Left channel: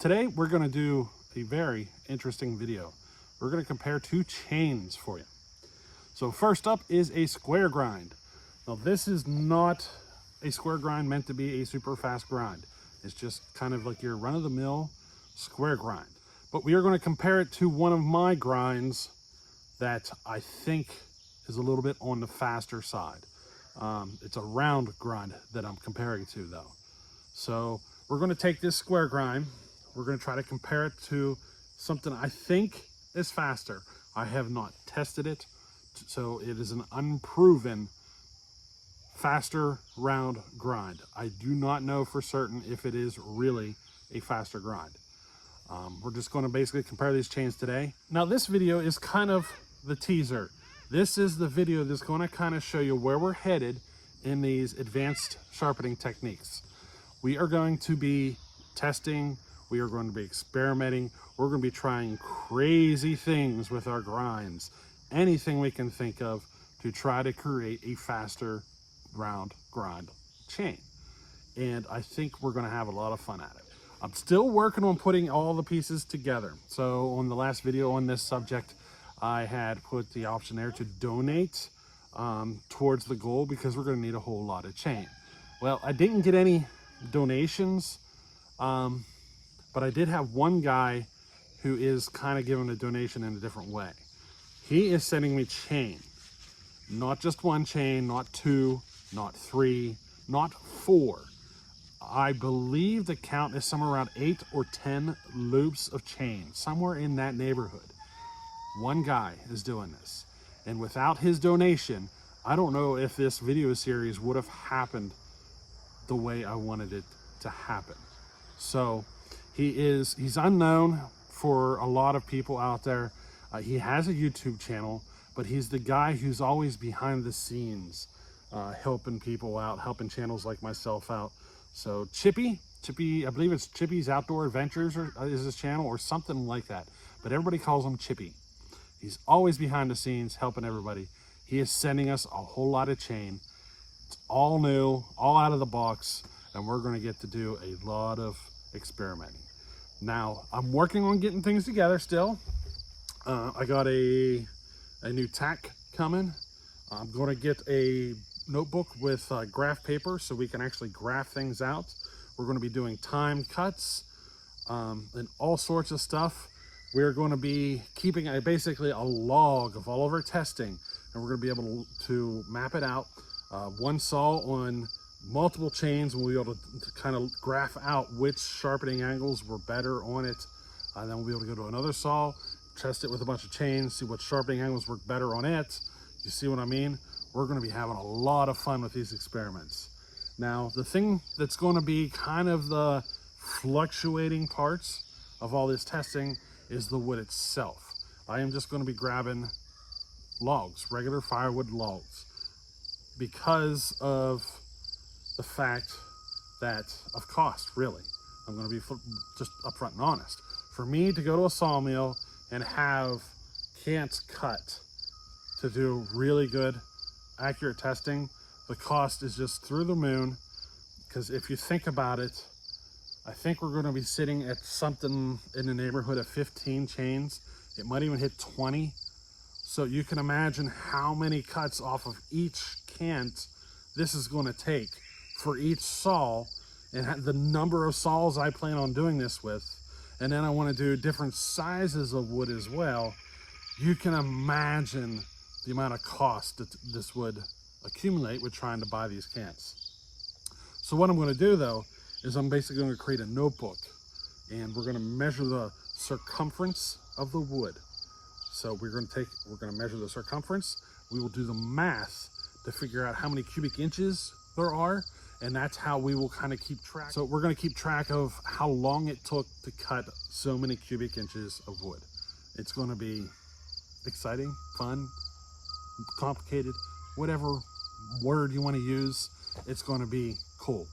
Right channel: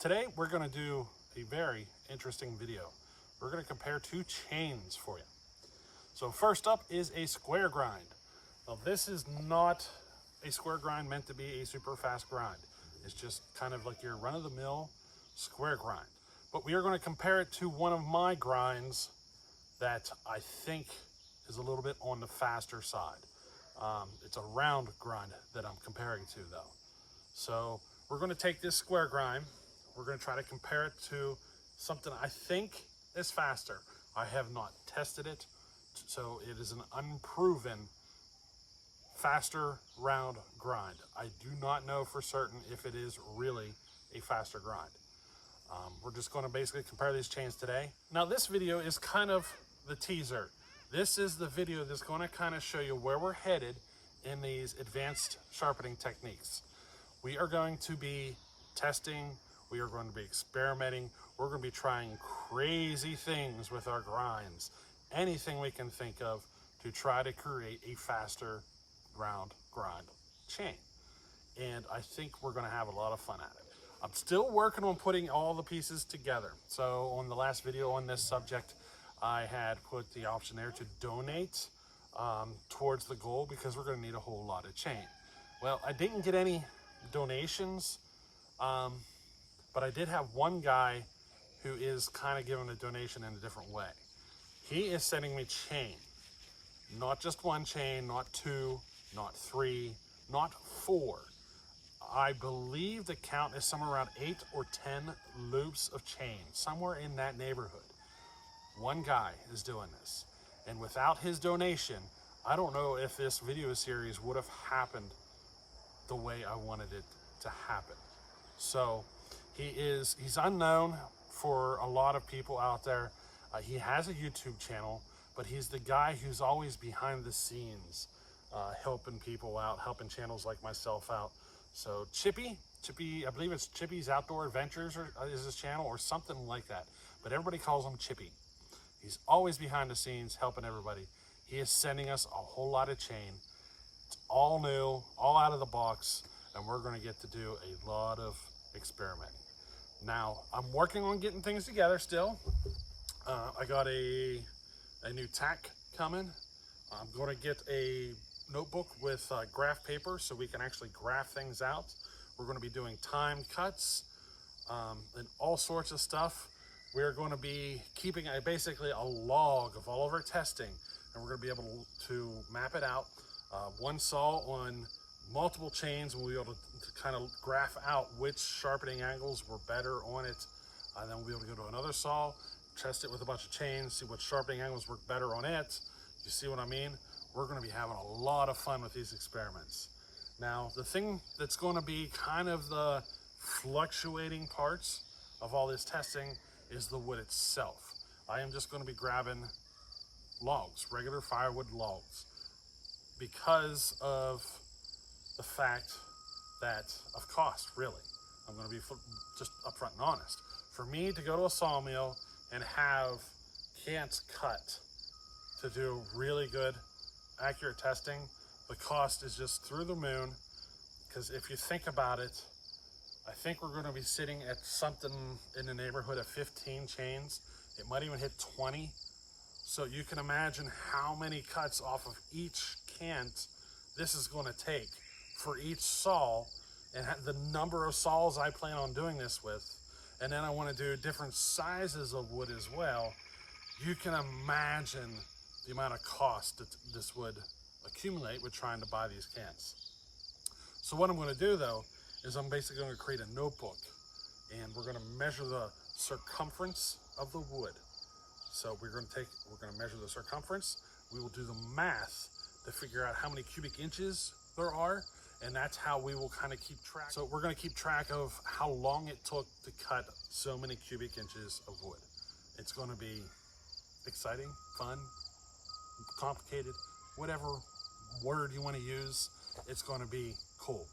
Today we're going to do a very interesting video. We're going to compare two chains for you. So first up is a square grind. Now this is not a square grind meant to be a super fast grind. It's just kind of like your run-of-the-mill square grind. But we are going to compare it to one of my grinds that I think is a little bit on the faster side. It's a round grind that I'm comparing to though. So we're going to take this square grind. We're going to try to compare it to something I think is faster. I have not tested it, so it is an unproven faster round grind. I do not know for certain if it is really a faster grind. We're just going to basically compare these chains today. Now this video is kind of the teaser. This is the video that's going to kind of show you where we're headed in these advanced sharpening techniques. We are going to be testing, we are going to be experimenting, we're going to be trying crazy things with our grinds, anything we can think of to try to create a faster round grind chain. And I think we're going to have a lot of fun at it. I'm still working on putting all the pieces together. So on the last video on this subject, I had put the option there to donate towards the goal because we're going to need a whole lot of chain. Well, I didn't get any donations, but I did have one guy who is kind of giving a donation in a different way. He is sending me chain, not just one chain, not two, not three, not four. I believe the count is somewhere around 8 or 10 loops of chain, somewhere in that neighborhood. One guy is doing this, and without his donation, I don't know if this video series would have happened the way I wanted it to happen. So he's unknown for a lot of people out there. He has a YouTube channel, but he's the guy who's always behind the scenes, helping people out, helping channels like myself out. So Chippy, I believe it's Chippy's Outdoor Adventures is his channel or something like that, but everybody calls him Chippy. He's always behind the scenes helping everybody. He is sending us a whole lot of chain. It's all new, all out of the box, and we're going to get to do a lot of experimenting. Now, I'm working on getting things together still. I got a new tack coming. I'm going to get a notebook with graph paper so we can actually graph things out. We're going to be doing timed cuts and all sorts of stuff. We're going to be keeping basically a log of all of our testing, and we're going to be able to map it out. One saw on multiple chains, we'll be able to kind of graph out which sharpening angles were better on it. Then we'll be able to go to another saw, test it with a bunch of chains, see what sharpening angles work better on it. You see what I mean? We're going to be having a lot of fun with these experiments. Now, the thing that's going to be kind of the fluctuating parts of all this testing is the wood itself. I am just going to be grabbing logs, regular firewood logs, because of the fact that of cost, really. I'm going to be just upfront and honest. For me to go to a sawmill and have cants cut to do really good, accurate testing, the cost is just through the moon. Because if you think about it, I think we're going to be sitting at something in the neighborhood of 15 chains. It might even hit 20. So you can imagine how many cuts off of each cant this is going to take for each saw, and the number of saws I plan on doing this with. And then I want to do different sizes of wood as well. You can imagine the amount of cost that this would accumulate with trying to buy these cants. So what I'm going to do though is I'm basically going to create a notebook, and we're going to measure the circumference of the wood. So we're going to measure the circumference. We will do the math to figure out how many cubic inches there are, and that's how we will kind of keep track. So we're going to keep track of how long it took to cut so many cubic inches of wood. It's going to be exciting, fun, complicated, whatever word you want to use. It's going to be cool.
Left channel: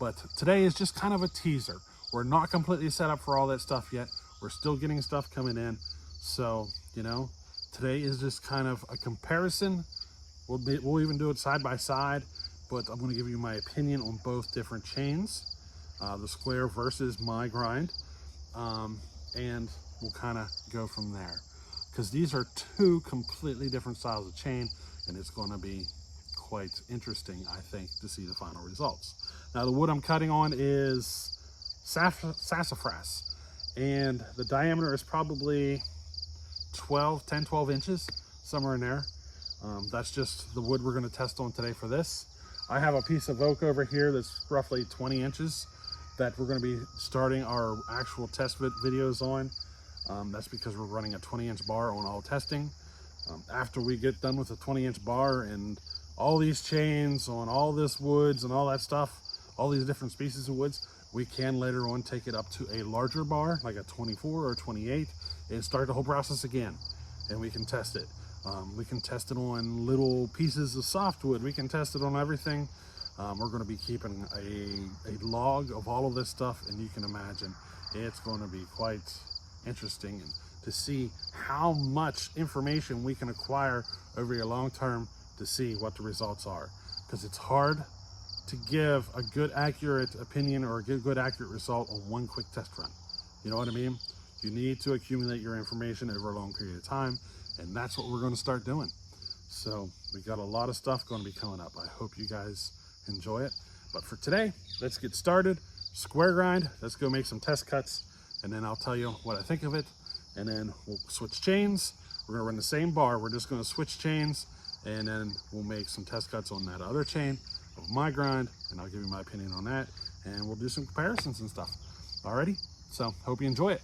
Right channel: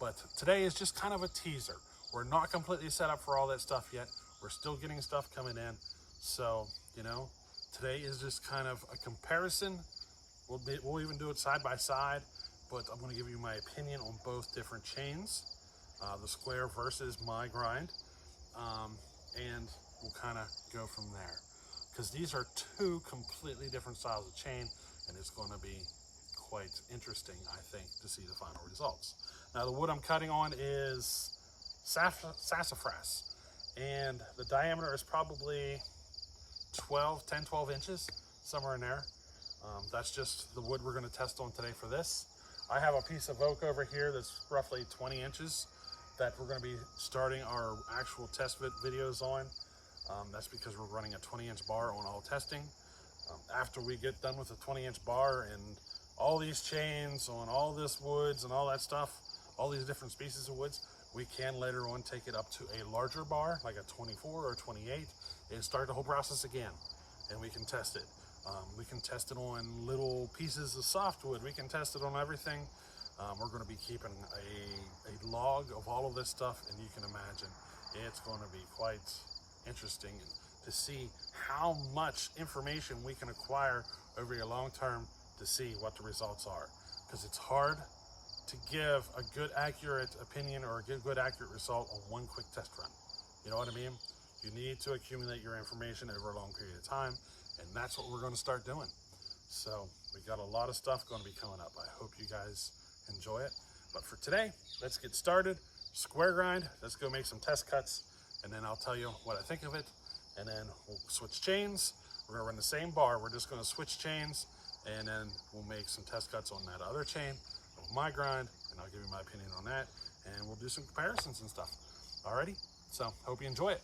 But today is just kind of a teaser. We're not completely set up for all that stuff yet. We're still getting stuff coming in. So, you know, today is just kind of a comparison. We'll even do it side by side, but I'm going to give you my opinion on both different chains. the square versus my grind, and we'll kind of go from there, because these are two completely different styles of chain, and it's going to be quite interesting, I think, to see the final results. Now, the wood I'm cutting on is sassafras, and the diameter is probably 10, 12 inches, somewhere in there. That's just the wood we're going to test on today for this. I have a piece of oak over here that's roughly 20 inches that we're going to be starting our actual test videos on. That's because we're running a 20-inch bar on all testing. After we get done with the 20-inch bar and all these chains on all this woods and all that stuff, all these different species of woods, we can later on take it up to a larger bar, like a 24 or 28, and start the whole process again, and we can test it. We can test it on little pieces of softwood. We can test it on everything. We're going to be keeping a log of all of this stuff, and you can imagine it's going to be quite interesting to see how much information we can acquire over a long term to see what the results are, because it's hard to give a good accurate opinion or a good accurate result on one quick test run. You know what I mean? You need to accumulate your information over a long period of time, and that's what we're going to start doing. So we got a lot of stuff going to be coming up. I hope you guys enjoy it. But for today, let's get started. Square grind. Let's go make some test cuts, and then I'll tell you what I think of it. And then we'll switch chains. We're going to run the same bar. We're just going to switch chains, and then we'll make some test cuts on that other chain of my grind, and I'll give you my opinion on that, and we'll do some comparisons and stuff. Alrighty? So hope you enjoy it.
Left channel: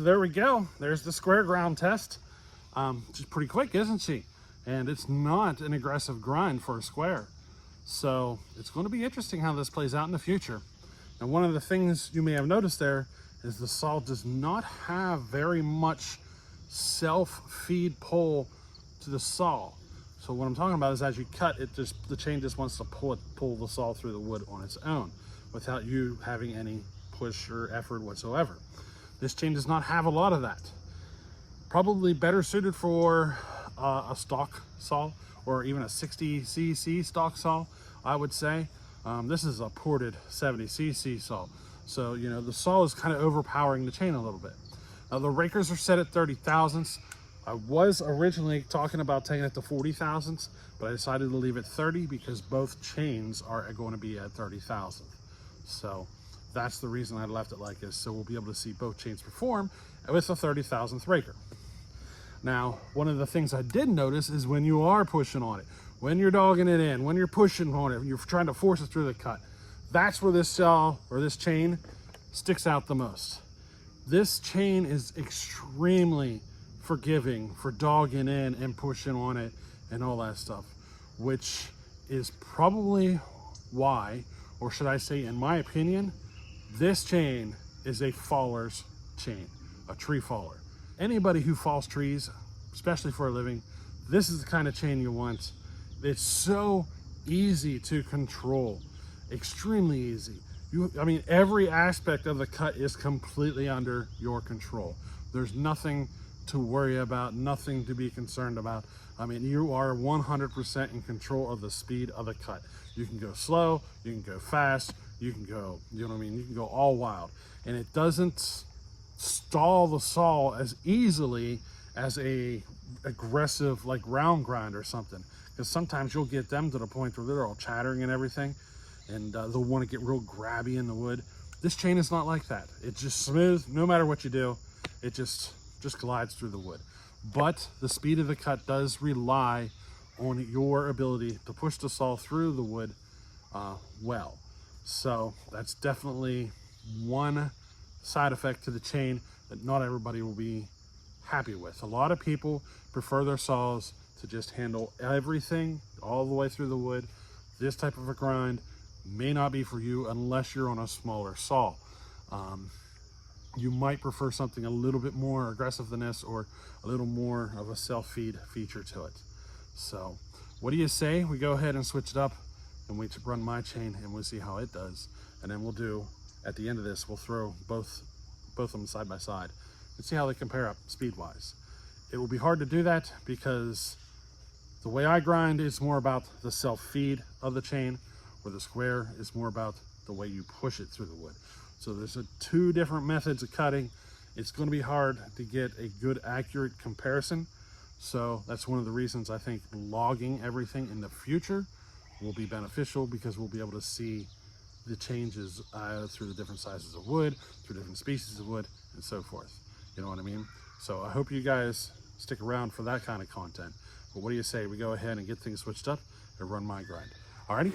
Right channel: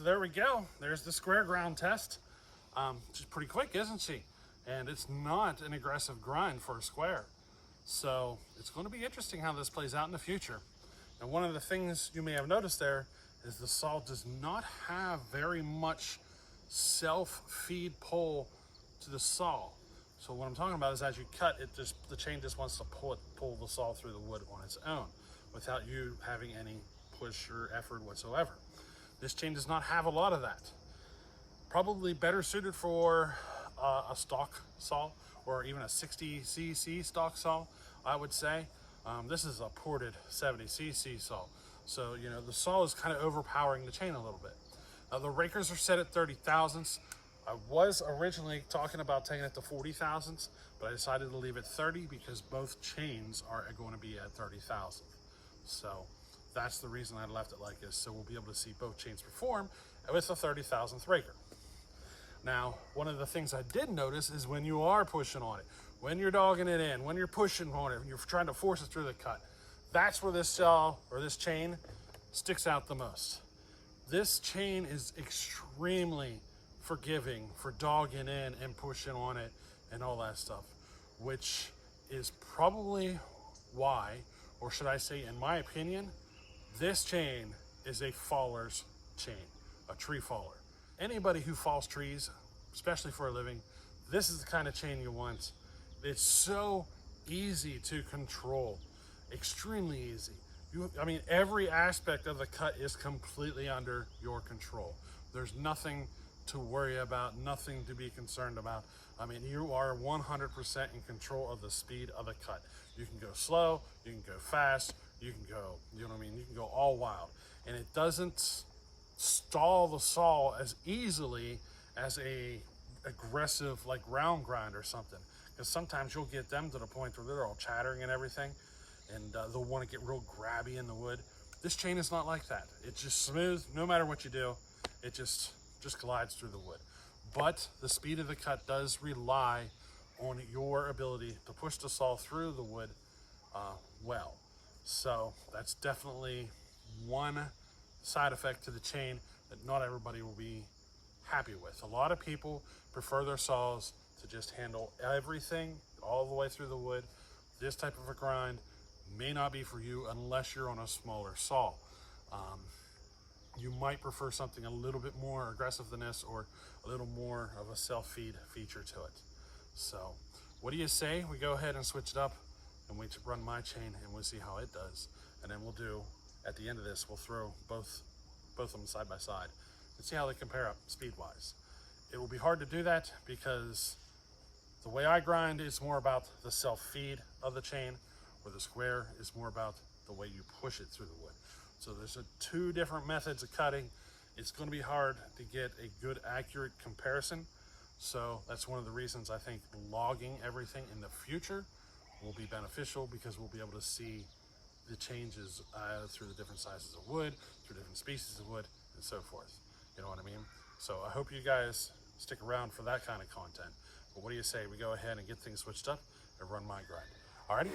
So there we go. There's the square ground test. She's pretty quick, isn't she? And it's not an aggressive grind for a square. So it's going to be interesting how this plays out in the future. And one of the things you may have noticed there is the saw does not have very much self-feed pull to the saw. So what I'm talking about is as you cut it, the chain just wants to pull the saw through the wood on its own without you having any push or effort whatsoever. This chain does not have a lot of that. Probably better suited for a stock saw or even a 60cc stock saw, I would say. This is a ported 70cc saw. So, you know, the saw is kind of overpowering the chain a little bit. Now, the rakers are set at 30 thousandths. I was originally talking about taking it to 40 thousandths, but I decided to leave it 30 because both chains are going to be at 30 thousandths. So that's the reason I left it like this. So we'll be able to see both chains perform with a 30 thousandth raker. Now, one of the things I did notice is when you are pushing on it, when you're dogging it in, when you're pushing on it, you're trying to force it through the cut, that's where this saw or this chain sticks out the most. This chain is extremely forgiving for dogging in and pushing on it and all that stuff, which is probably why, or should I say in my opinion, this chain is a faller's chain, a tree faller. Anybody who falls trees, especially for a living, this is the kind of chain you want. It's so easy to control, extremely easy. I mean, every aspect of the cut is completely under your control. There's nothing to worry about, nothing to be concerned about. I mean, you are 100% in control of the speed of the cut. You can go slow, you can go fast, you can go, you know what I mean? You can go all wild, and it doesn't stall the saw as easily as a aggressive like round grind or something. Because sometimes you'll get them to the point where they're all chattering and everything, and they'll want to get real grabby in the wood. This chain is not like that. It's just smooth. No matter what you do, it just glides through the wood. But the speed of the cut does rely on your ability to push the saw through the wood well. So that's definitely one side effect to the chain that not everybody will be happy with. A lot of people prefer their saws to just handle everything all the way through the wood. This type of a grind may not be for you unless you're on a smaller saw. You might prefer something a little bit more aggressive than this, or a little more of a self-feed feature to it. So what do you say we go ahead and switch it up and we run my chain and we'll see how it does. And then we'll do, at the end of this, we'll throw both of them side by side and see how they compare up speed-wise. It will be hard to do that because the way I grind is more about the self-feed of the chain, where the square is more about the way you push it through the wood. So there's two different methods of cutting. It's going to be hard to get a good, accurate comparison. So that's one of the reasons I think logging everything in the future will be beneficial, because we'll be able to see the changes through the different sizes of wood, through different species of wood, and so forth. You know what I mean? So I hope you guys stick around for that kind of content. But what do you say we go ahead and get things switched up and run my grind? Alrighty?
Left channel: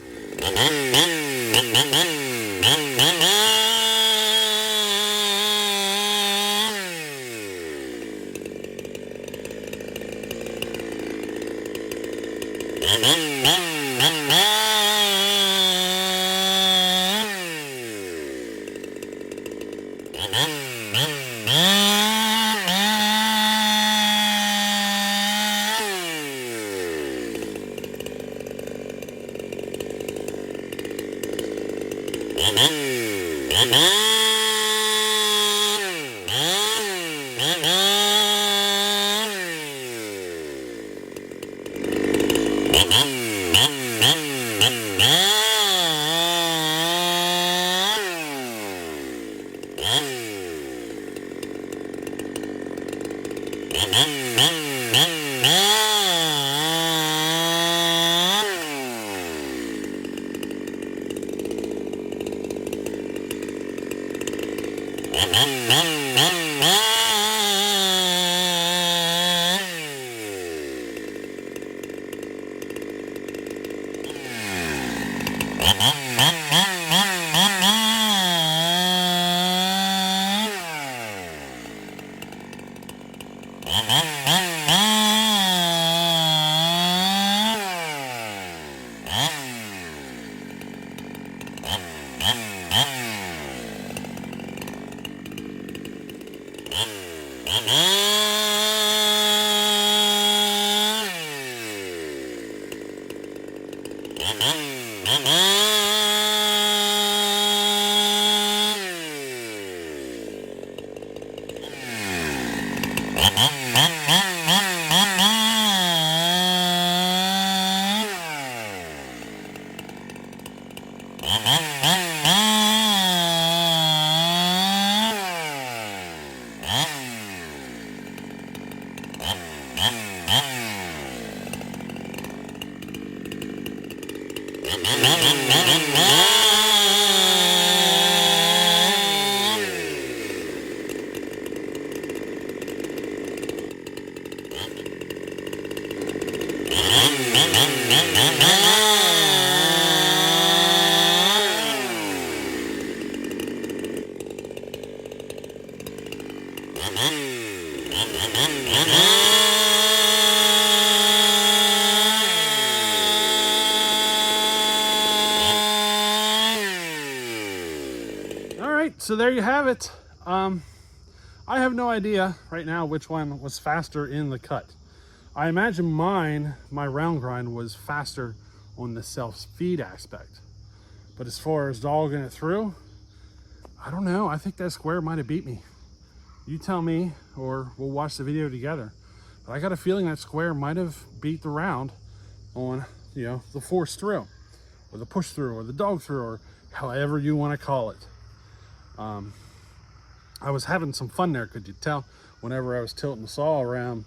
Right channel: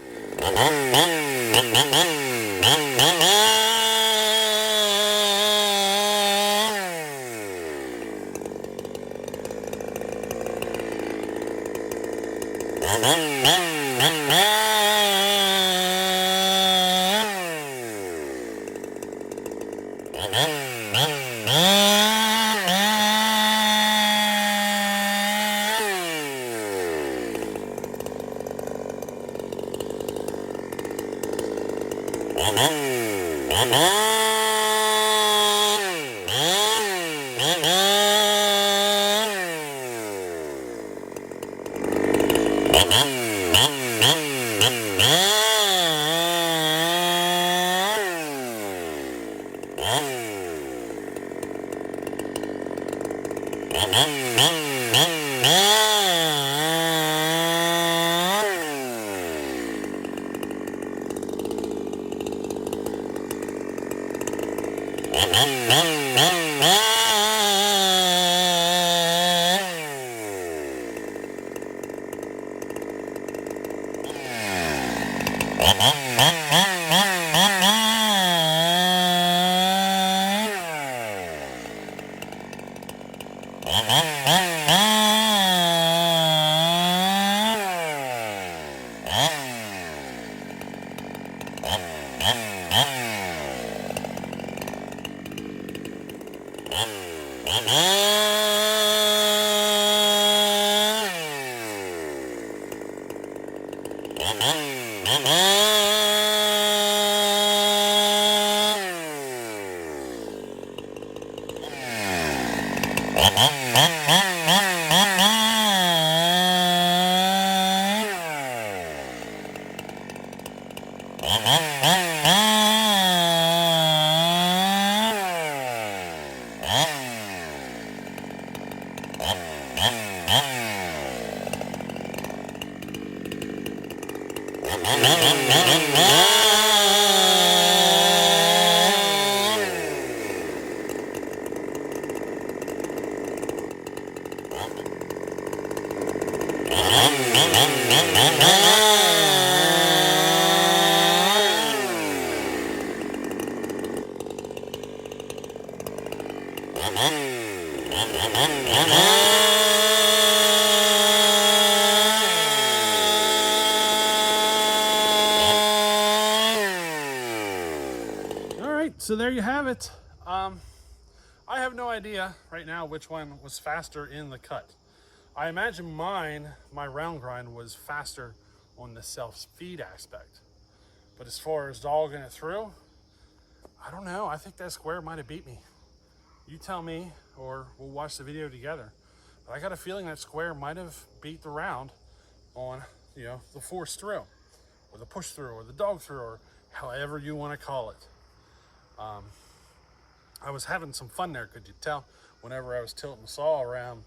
So there you have it. I have no idea right now which one was faster in the cut. I imagine my round grind was faster on the self-feed aspect. But as far as dogging it through, I don't know. I think that square might have beat me. You tell me, or we'll watch the video together. But I got a feeling that square might have beat the round on, the force through, or the push through, or the dog through, or however you want to call it. I was having some fun there, could you tell? Whenever I was tilting the saw around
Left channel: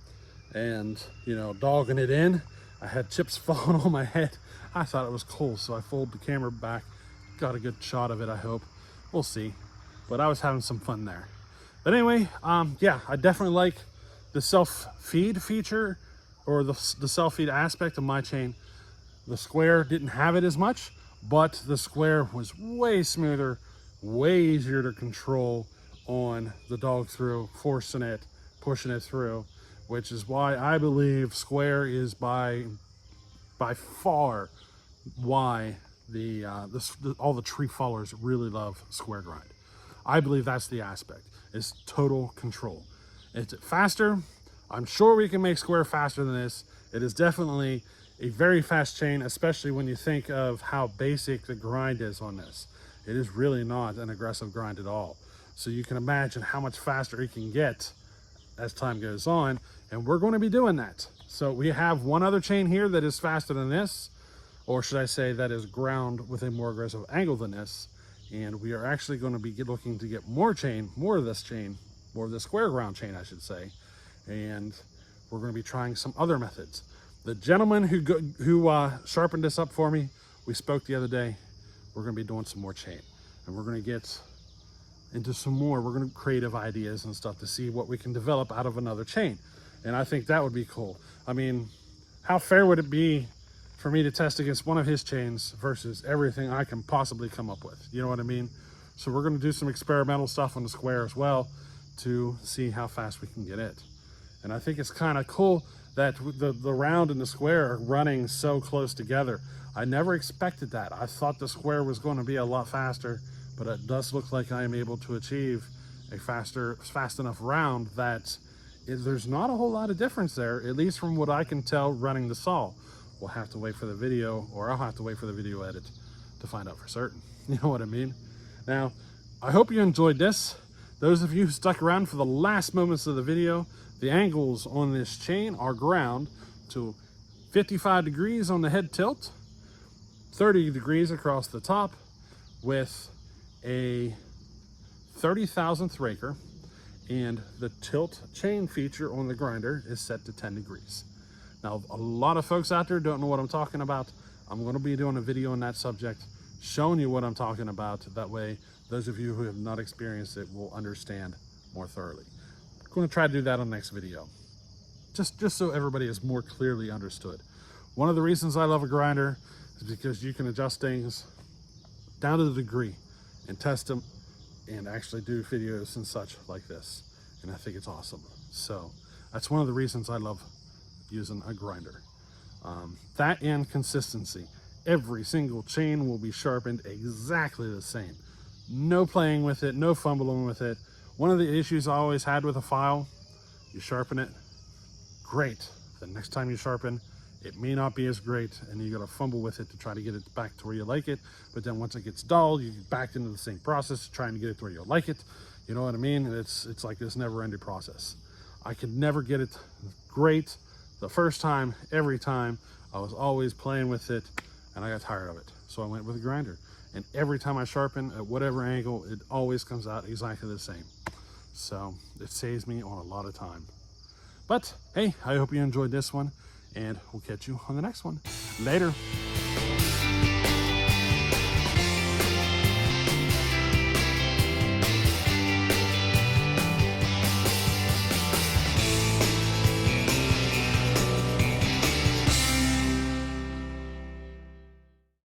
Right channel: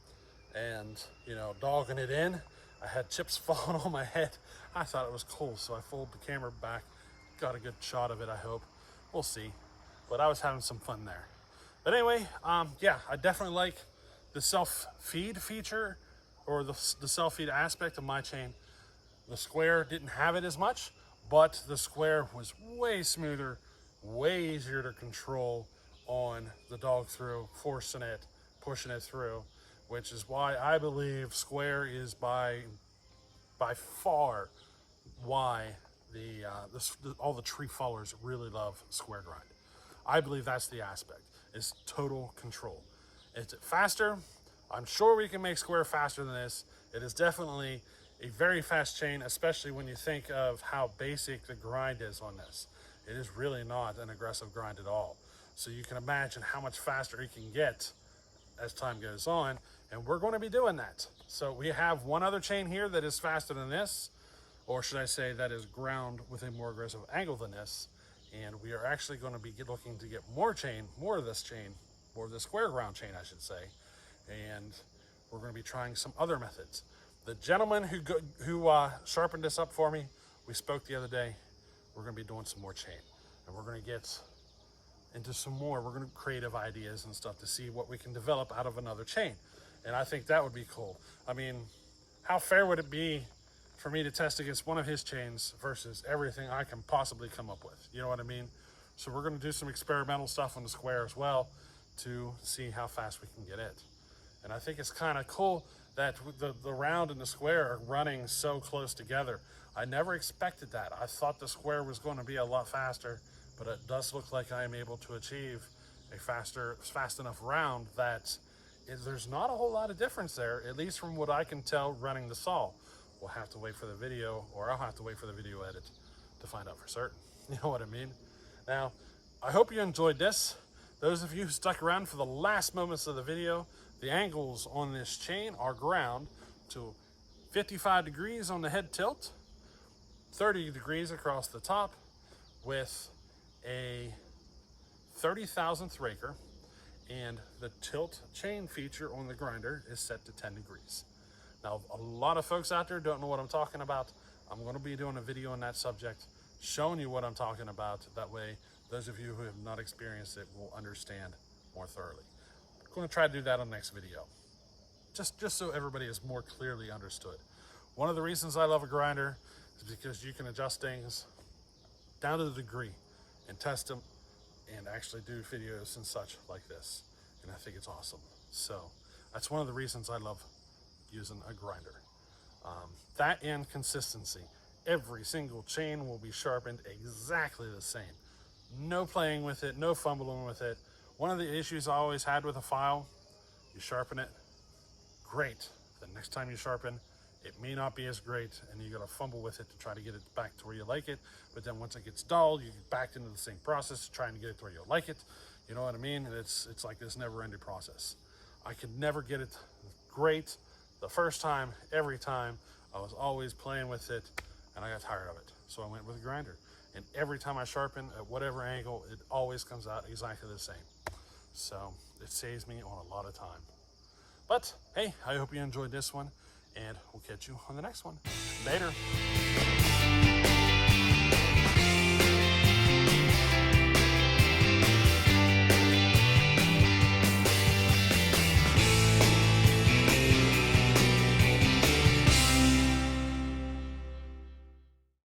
and, you know, dogging it in, I had chips falling on my head. I thought it was cool, so I folded the camera back, got a good shot of it, I hope. We'll see. But I was having some fun there. But anyway, yeah, I definitely like the self-feed feature, or the self-feed aspect of my chain. The square didn't have it as much, but the square was way smoother, way easier to control on the dog through, forcing it, pushing it through, which is why I believe square is by far why all the tree fallers really love square grind. I believe that's the aspect, is total control. Is it faster? I'm sure we can make square faster than this. It is definitely a very fast chain, especially when you think of how basic the grind is on this. It is really not an aggressive grind at all. So you can imagine how much faster it can get as time goes on, and we're going to be doing that. So we have one other chain here that is faster than this, or should I say that is ground with a more aggressive angle than this, and we are actually going to be looking to get more of this square ground chain, I should say, and we're going to be trying some other methods. The gentleman who sharpened this up for me, we spoke the other day. We're going to be doing some more chain, and we're going to get into some more. We're going to creative ideas and stuff to see what we can develop out of another chain, and I think that would be cool. I mean, how fair would it be for me to test against one of his chains versus everything I can possibly come up with? You know what I mean? So we're going to do some experimental stuff on the square as well to see how fast we can get it. And I think it's kind of cool that the round and the square are running so close together. I never expected that. I thought the square was going to be a lot faster, but it does look like I am able to achieve a fast enough round that there's not a whole lot of difference there, at least from what I can tell running the saw. We'll have to wait for the video, or I'll have to wait for the video edit to find out for certain. You know what I mean? Now, I hope you enjoyed this. Those of you who stuck around for the last moments of the video, the angles on this chain are ground to 55 degrees on the head tilt, 30 degrees across the top, with a 30,000th raker, and the tilt chain feature on the grinder is set to 10 degrees. Now, a lot of folks out there don't know what I'm talking about. I'm going to be doing a video on that subject, showing you what I'm talking about. That way, those of you who have not experienced it will understand more thoroughly. I'm going to try to do that on the next video, just so everybody is more clearly understood. One of the reasons I love a grinder is because you can adjust things down to the degree and test them and actually do videos and such like this. And I think it's awesome. So that's one of the reasons I love using a grinder. That and consistency. Every single chain will be sharpened exactly the same. No playing with it, no fumbling with it. One of the issues I always had with a file, you sharpen it, great. The next time you sharpen, it may not be as great, and you gotta fumble with it to try to get it back to where you like it. But then once it gets dull, you get back into the same process, trying to get it to where you like it. You know what I mean? It's like this never-ending process. I could never get it great the first time, every time. I was always playing with it, and I got tired of it. So I went with a grinder. And every time I sharpen at whatever angle, it always comes out exactly the same. So it saves me on a lot of time. But hey, I hope you enjoyed this one, and we'll catch you on the next one. Later.